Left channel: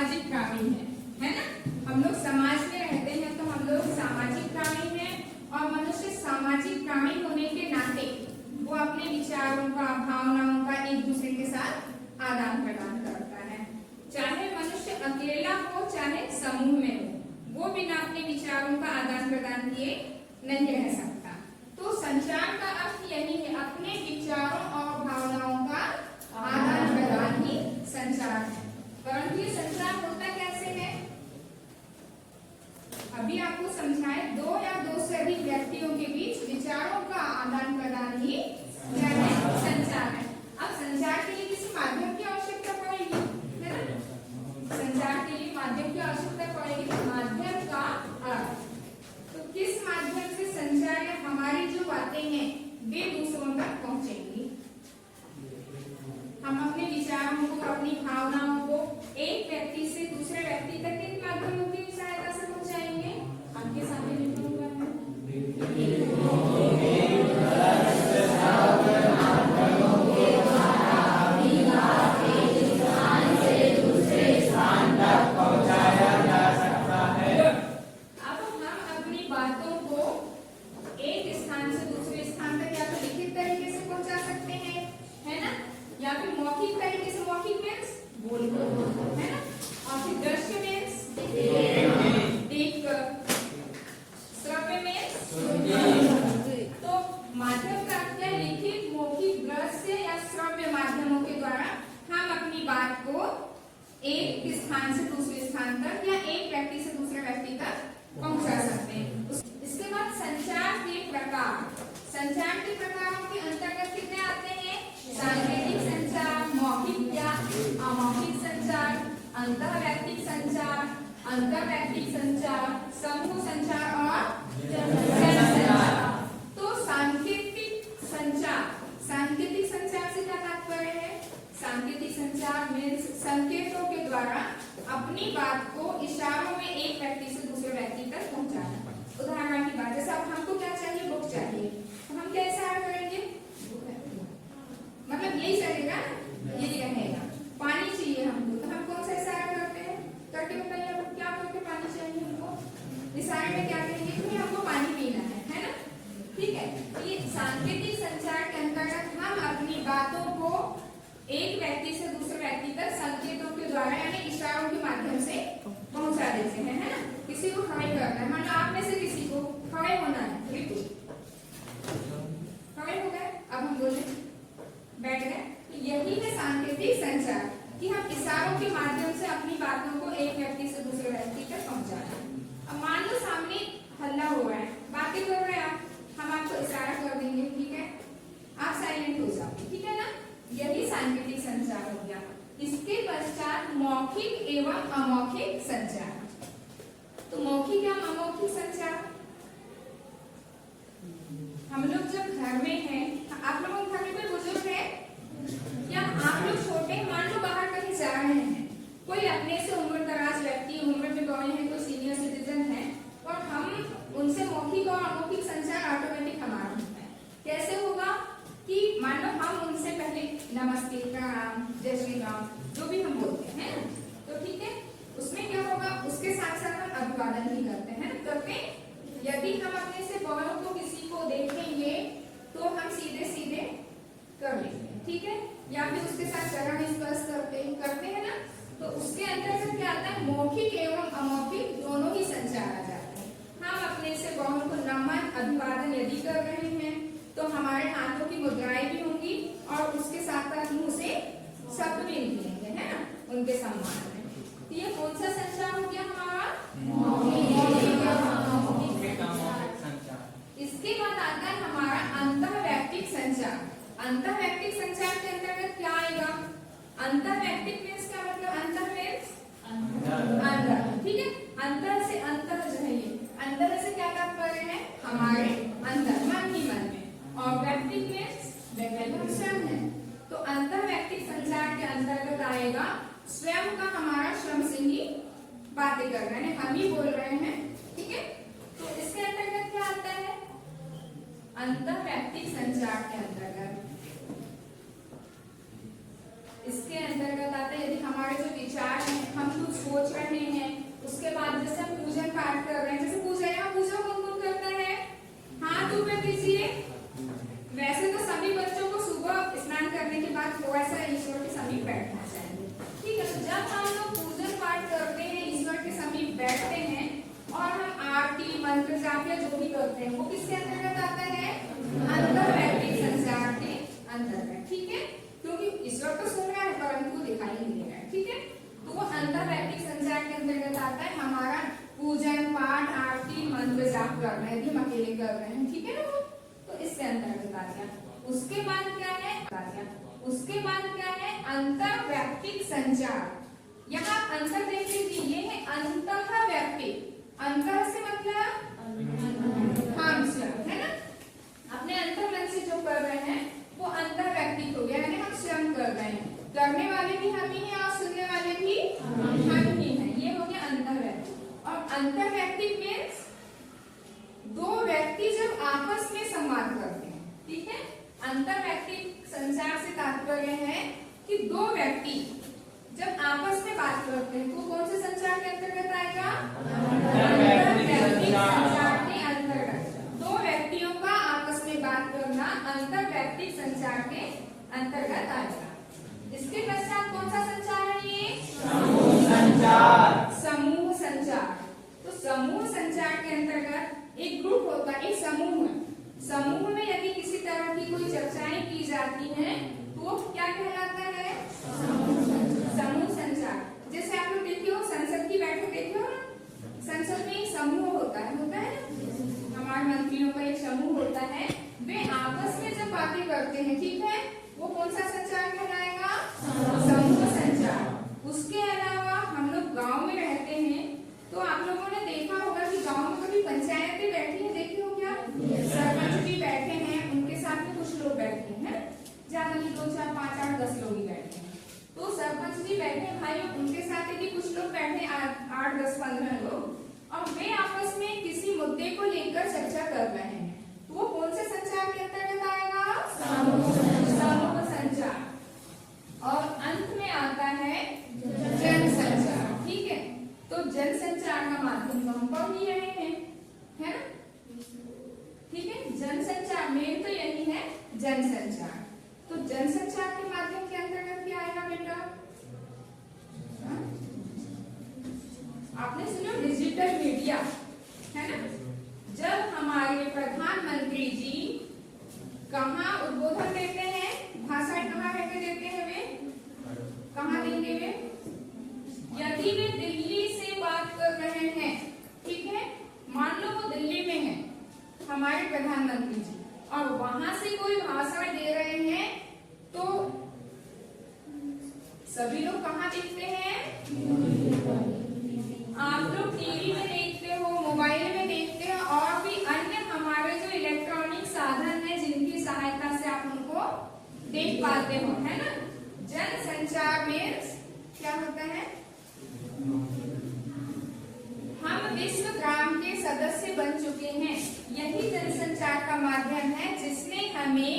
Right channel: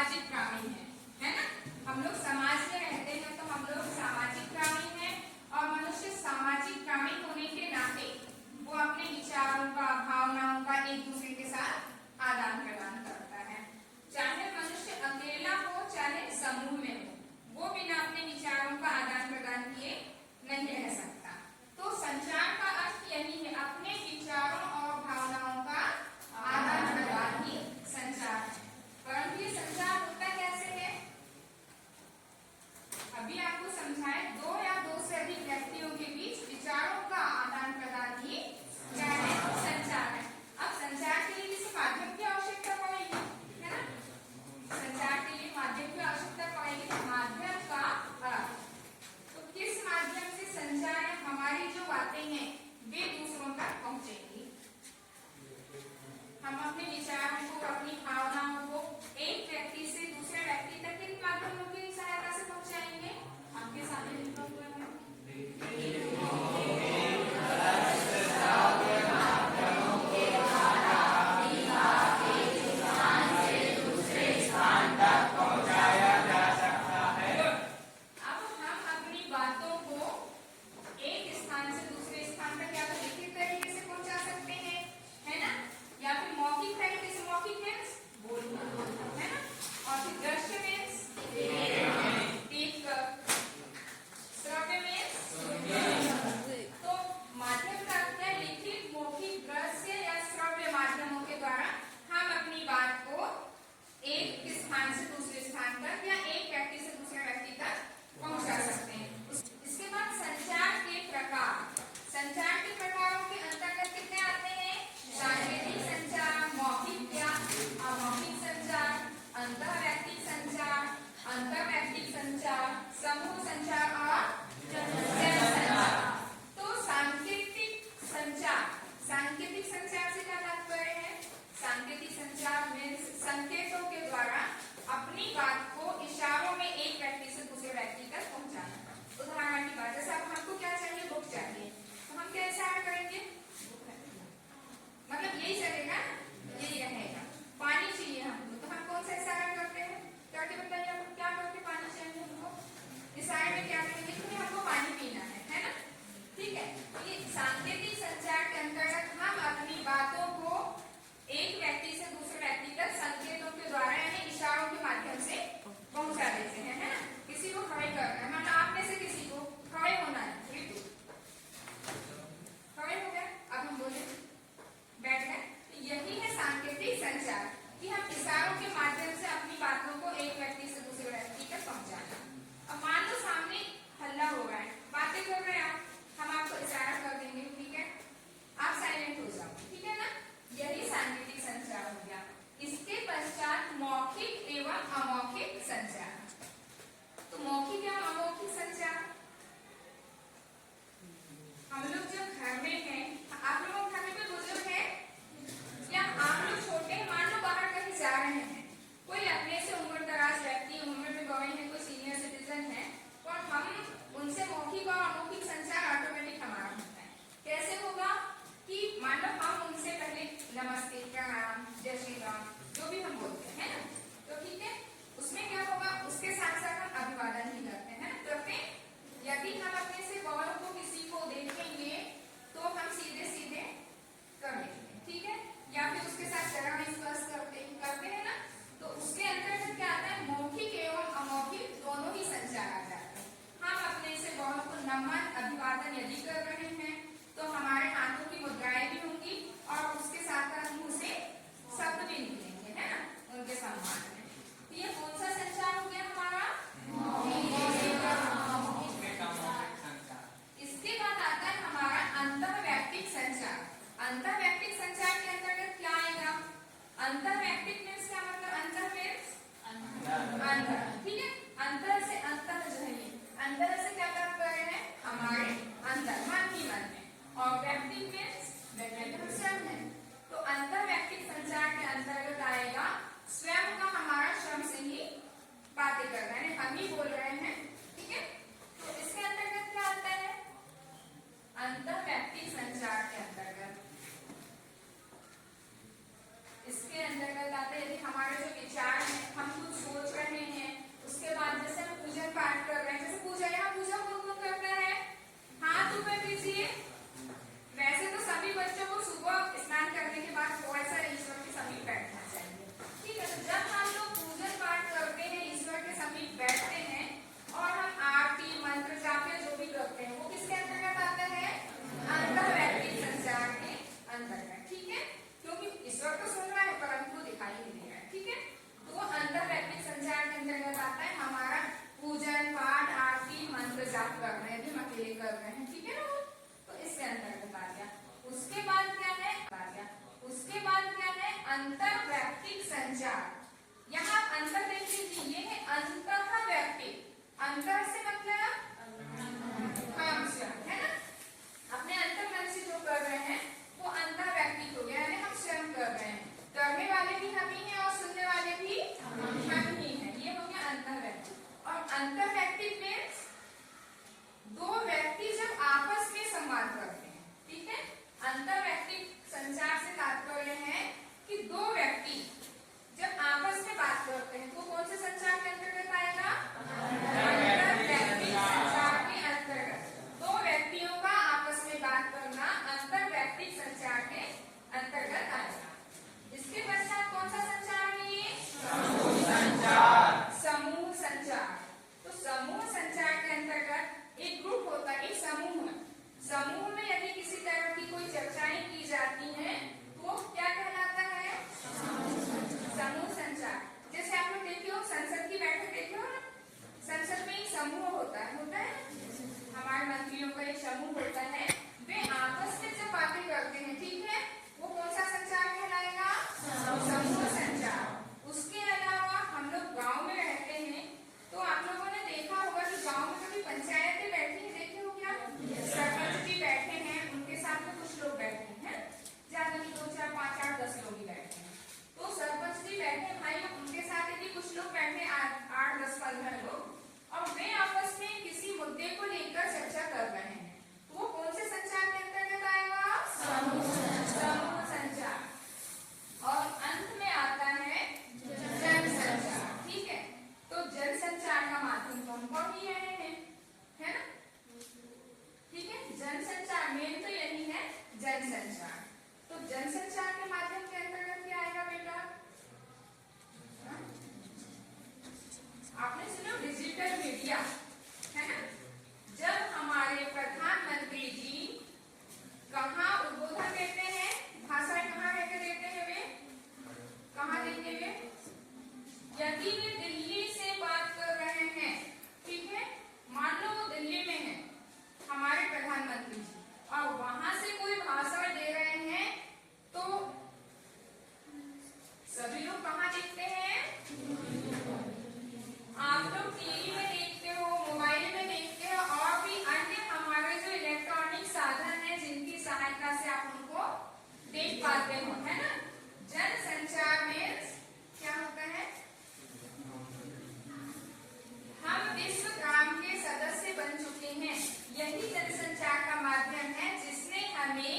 सामाजिक प्राणी है ना। हम लोग समाज में रहते हैं तो हम लोग सामाजिक प्राणी हैं और मनुष्य सामाजिक प्राणी होने के नाते वो अपने विचारों का, भावनाओं का एक दूसरे के साथ आदान प्रदान करता है। चाहे मनुष्य अकेला हो चाहे समूह में हो, वो बिना अपने विचारों का आदान प्रदान किए नहीं रह सकता। तो संचार का अर्थ यही है, अपने विचारों और भावनाओं का आदान प्रदान ही संचार है। परंतु ये संचार होता कैसे है, अभी आपको समझाए, दो या दो से अधिक व्यक्तियों के बीच विचारों का आदान प्रदान ही क्या है, संचार है। अब संचार के लिए किसी माध्यम की आवश्यकता पड़ेगी, है ना। संचार के लिए माध्यम की आवश्यकता पड़ेगी। माध्यम का अर्थ, तो किस माध्यम से संचार है, हमारी जो बातें हैं वे दूसरों तक पहुंचेंगी। हम अपने विचारों को, अपनी भावनाओं को एक व्यक्ति से दूसरे व्यक्ति तक किन माध्यमों की सहायता से पहुंचाएंगे, आपके सामने लिखा हुआ है। एक स्थान से दूसरे स्थान तक या एक व्यक्ति से दूसरे व्यक्ति तक पहुंचा सकते हैं। इसके बाद संचार के प्रकार, संचार के प्रकारों के अंतर्गत कितने आते हैं, सांकेतिक संचार, मौखिक या अमौखिक संचार, अंतरवैयक्तिक संचार, अंतरवैयक्तिक संचार, समूह संचार और जन संचार। तो सांकेतिक संचार, सांकेतिक संचार से क्या तात्पर्य है, सांकेतिक संचार में संकेतों के द्वारा अपनी बात को इशारों में एक व्यक्ति से दूसरे व्यक्ति तक पहुंचाना। उदाहरण की बात, जैसे अब हमको क्या चाहिए, बुक चाहिए, तो हम क्या इशारा करेंगे, मतलब यही चलेगा, यही रहेगा। पानी चाहिए हमको, तो हम कौन सा इशारा करते हैं, करके बताइए क्या करके पानी चाहिए हमको, इशारे में क्या करेंगे, क्योंकि हमको पानी पीना है ना। ठीक है, ये सांकेतिक संचार के अंतर्गत हम अपनी बातों को एक व्यक्ति से दूसरे व्यक्ति तक संकेतों के द्वारा यानी इशारों के माध्यम से पहुंचा देते हैं, है ना। किसी को खड़े करना है, मानो आप में से किसी को खड़े होना है, बिल्कुल खड़े हो गए, अब हम बोले बैठ गए, तो यही है सांकेतिक संचार कि हम इशारों के माध्यम से अपनी बातों को एक व्यक्ति से दूसरे व्यक्ति तक पहुंचाएं। अब मान लो सामने हल्ला हो रहा है, बातें कर रहे हैं आप, हम आपको इशारा कर देंगे, ठीक है, आप साइलेंट हो जाओ, ठीक है ना। यही सांकेतिक संचार हो गया। इसके पश्चात मौखिक एवं अमौखिक संचार। तो मौखिक एवं अमौखिक संचार, हम लोग जब घर में हैं, आप लोगों के घर में कोई बुजुर्ग है या आप लोग छोटे, मान लो बाहर कहीं जा रहे हैं, कोई अपने से उम्र दराज व्यक्ति, उम्र में बड़े हैं, कोई सीनियर सिटीजन है, और हम उनसे मौखिक और अमौखिक संचार ऑटोमेटिक हमारा होता है। कैसे होगा कि मान लो हम उनसे पहले नमस्ते, प्रणाम, जय श्री राम, जो भी हम बोलते हैं ना, तो ठीक है, उसमें क्या होगा, उसके साथ साथ हम अभिवादन ही करते हैं ना, करते। यदि हम अपने से बड़ों को किसी को देखेंगे तो हम सीधे सीधे कर लेंगे, ठीक है, या फिर उसके साथ चरण स्पर्श करते हैं ना। तो उसके अंतर्गत क्या आता है, मौखिक एवं अमौखिक दोनों ही संचार आ जाते हैं। हम अपने से बड़ों को नमन, अभिवादन यदि कर रहे हैं तो हमारे हाथों की मुद्राएं भी होंगी और उसके साथ साथ मुंह से शब्द भी निकलेंगे, है ना, उनके सम्मान में। तो ये कौन सा संचार हो गया हमारा, इसके बाद आता है हमारा अंतरवैयक्तिक संचार। अंतरवैयक्तिक संचार के अंतर्गत क्या आएगा, अंतरवैयक्तिक मीन्स क्या मतलब, अंतर मीन्स अंदर, ठीक है, अंतर से अंतर जो है, अंतर से क्या तात्पर्य है, हमारे अंदर, मन ही मन में, और व्यक्ति में स्वयं है। तो अंतरवैयक्तिक संचार के अंतर्गत आएगा स्वयं का, हमारा स्वयं से ही बातें कर रहे हैं, हम ही बोल रहे हैं, ठीक है। तो इसके अंतर्गत क्या आता है, अंतरवैयक्तिक संचार के अंतर्गत, इसके अंतर्गत आता है यदि हमारे जो विचार हैं हम कुछ सोच रहे हैं, उसके बाद जैसे हम पूजन पाठ कर रहे हैं, जैसे पूजा, यहाँ पूजा कौन कौन करता है, हाथ ऊपर कीजिए। वैसे तो सभी बच्चों को सुबह स्नान करने के बाद थोड़ा सा ईश्वर के समीप बैठना चाहिए, ठीक है। तो जब हम लोग पूजन पाठ करते हैं, ईश्वर के समीप बैठते हैं और हम आरती मंत्र जाप या जो भी करते हैं, वो किसके अंतर्गत आता है, अंतर्वैयक्तिक संचार के अंतर्गत, ठीक है। क्योंकि ईश्वर तो सुन रहा है परंतु वो दिखाई नहीं दे रहा है, ठीक है। तो वो अंतर्वैयक्तिक संचार के अंतर्गत आता है हमारा पूजन पाठ आरती मंत्र जाप करना है, हम अकेले कर रहे हैं, ठीक है ना, तो इसके अंतर्गत आ गया। उसके बाद क्या है, अंतर्वैयक्तिक संचार। यहाँ अंतर देख लीजिए, ये है अंतःवैयक्तिक, अंतर से मतलब हम स्वयं, है ना, अपने अंतर मन से जो कर रहे हैं वो अंतर्वैयक्तिक हो गया, यानी हम स्वयं कर रहे हैं, करने वाले भी हम ही हैं और सुनने वाले भी हम ही हैं, ये हो गया अंतर्वैयक्तिक। और अंतर्वैयक्तिक मीन्स दो व्यक्ति जब आपस में संवाद करते हैं, ठीक है। अंतर्वैयक्तिक संचार से तात्पर्य है कि दो व्यक्ति जब आपस में बात करते हैं तो कौन से संचार के अंतर्गत आएगा, अंतर्वैयक्तिक संचार के अंतर्गत। दो व्यक्तियों का आपस में बात करना अंतर्वैयक्तिक संचार के अंतर्गत आएगा। इसके पश्चात कौन सा संचार है, ये समूह संचार। समूह संचार, तो समूह संचार के अंतर्गत एक ग्रुप होता है, एक समूह। समूह में यदि किसी तरह की कोई चर्चाएं की जाती हैं तो क्या कहलाता है, समूह संचार। जैसे आप लोग देखे हो संसद की बैठक देखे हो ना, संसद में एक समूह होता है हमारे मंत्रियों का एक समूह होता है, वे आपस में जब बातें करते हैं, ठीक है, वो कौन सा संचार कहलाएगा, समूह संचार। उसके अलावा हम लोग गाँव में रहते हैं तो आप लोगों ने देखा होगा कि गाँव में कभी पंचायतें बैठी है, देखे हो क्या, सरपंच भी बैठे हैं, उनके साथ में कुछ लोग बैठे हैं, ज्यादा नहीं 2 4 5 8 10 लोग ही बैठे हैं। तो सरपंच जी बैठे भाई, उनके साथ भी कुछ लोग बैठे 8 10 15 लोग, और वे आपस में किसी मुद्दे को लेकर चर्चा कर रहे हैं, तो वो कौन से संचार के अंतर्गत आएगा, समूह संचार। और अंत में आता है जन संचार, ठीक है। तो जन संचार का माध्यम तो हम पढ़ ही रहे हैं, है ना, ठीक है। जन संचार मेन तो यही है, जन संचार। तो जन संचार के माध्यम के अंतर्गत क्या आएगा बेटा, आपने सुना डिजिटल मीडिया, है ना। जब हमारे प्रधानमंत्री जी कहाँ उद्बोधन देते हैं, भाषण कहाँ रहकर देते हैं, वे कहाँ देंगे, वे यदि वे दिल्ली से बात कर रहे हैं, ठीक है, मान लो वो दिल्ली में है हमारे प्रधानमंत्री जी, और वहां से कोई भाषण दे रहे हैं, तो सभी लोग कहाँ देखते हैं, आप लोग टीवी में देखते हो, मोबाइल में देखते हो, और भी अन्य हमारे जो इलेक्ट्रॉनिक साधन है जिनकी सहायता से आप उनको देख पाते हो, है ना। जन संचार में क्या होता है, हम विश्व ग्राम के सदस्य बन चुके हैं, यही जनसंचार का माध्यम है जिसने हमें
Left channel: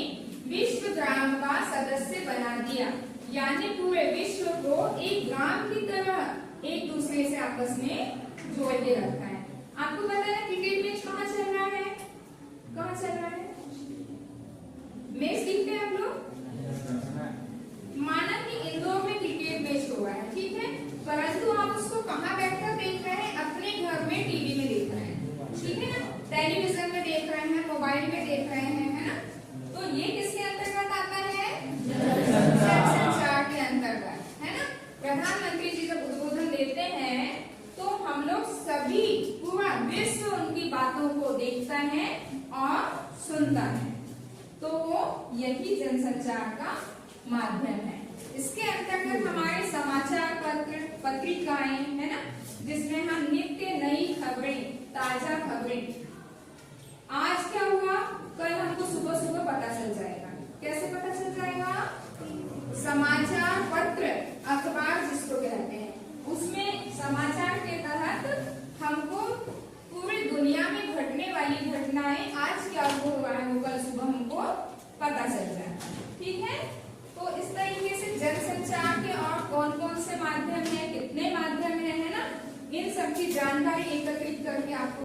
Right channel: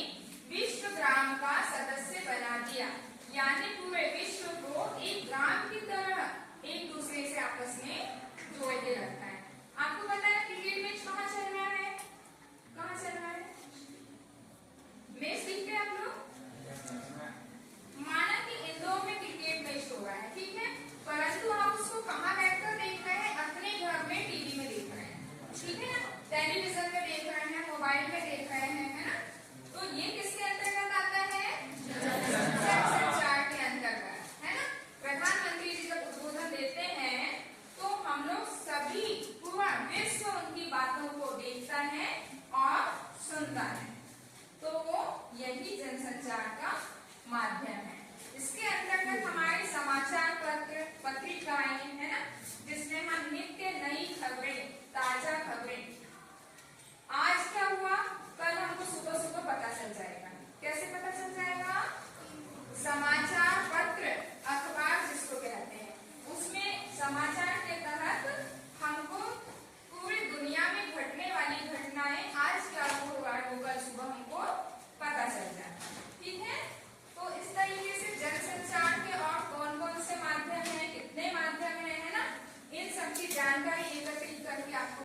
विश्व ग्राम का सदस्य बना दिया, यानी पूरे विश्व को एक ग्राम की तरह एक दूसरे से आपस में जोड़ के रखा है। आपको पता है क्रिकेट मैच कहाँ चल रहा है, कहाँ चल रहा है, मैच देखते हैं आप लोग, माना कि इंदौर में क्रिकेट मैच हो रहा है, ठीक है, परंतु आप उसको कहाँ बैठकर देख रहे हैं, अपने घर में टीवी में देख रहे हैं, ठीक है ना, टेलीविजन में देख रहे हैं, मोबाइल में देख रहे हैं, है ना। तो ये किसके अंतर्गत आता है, जनसंचार के अंतर्गत, है ना। प्रधानमंत्री जी जब उद्बोधन देते हैं तो हम लोग सभी पूरा विश्व उनकी बातों को देखता है और सुनता है, तो यही जनसंचार का माध्यम है। इसके अंतर्गत हमारे समाचार पत्र पत्रिकाएं, है ना, जिसमें हम नित्य नई खबरें, ताजा खबरें, आज क्या हुआ कल हमको सुबह सुबह पता चल जाएगा। कैसे पता चल जाएगा, समाचार पत्र अखबार जिसको कहते हैं, उसमें समाचार के तहत हमको पूरी दुनिया में घटने वाली घटनाएं, आज क्या हो रहा है वो कल सुबह हमको पता चल जाएगा, ठीक है। तो इस तरीके से जनसंचार के और कौन कौन से माध्यम है, कितने माध्यम सबकी जानकारी एकत्रित करके आपको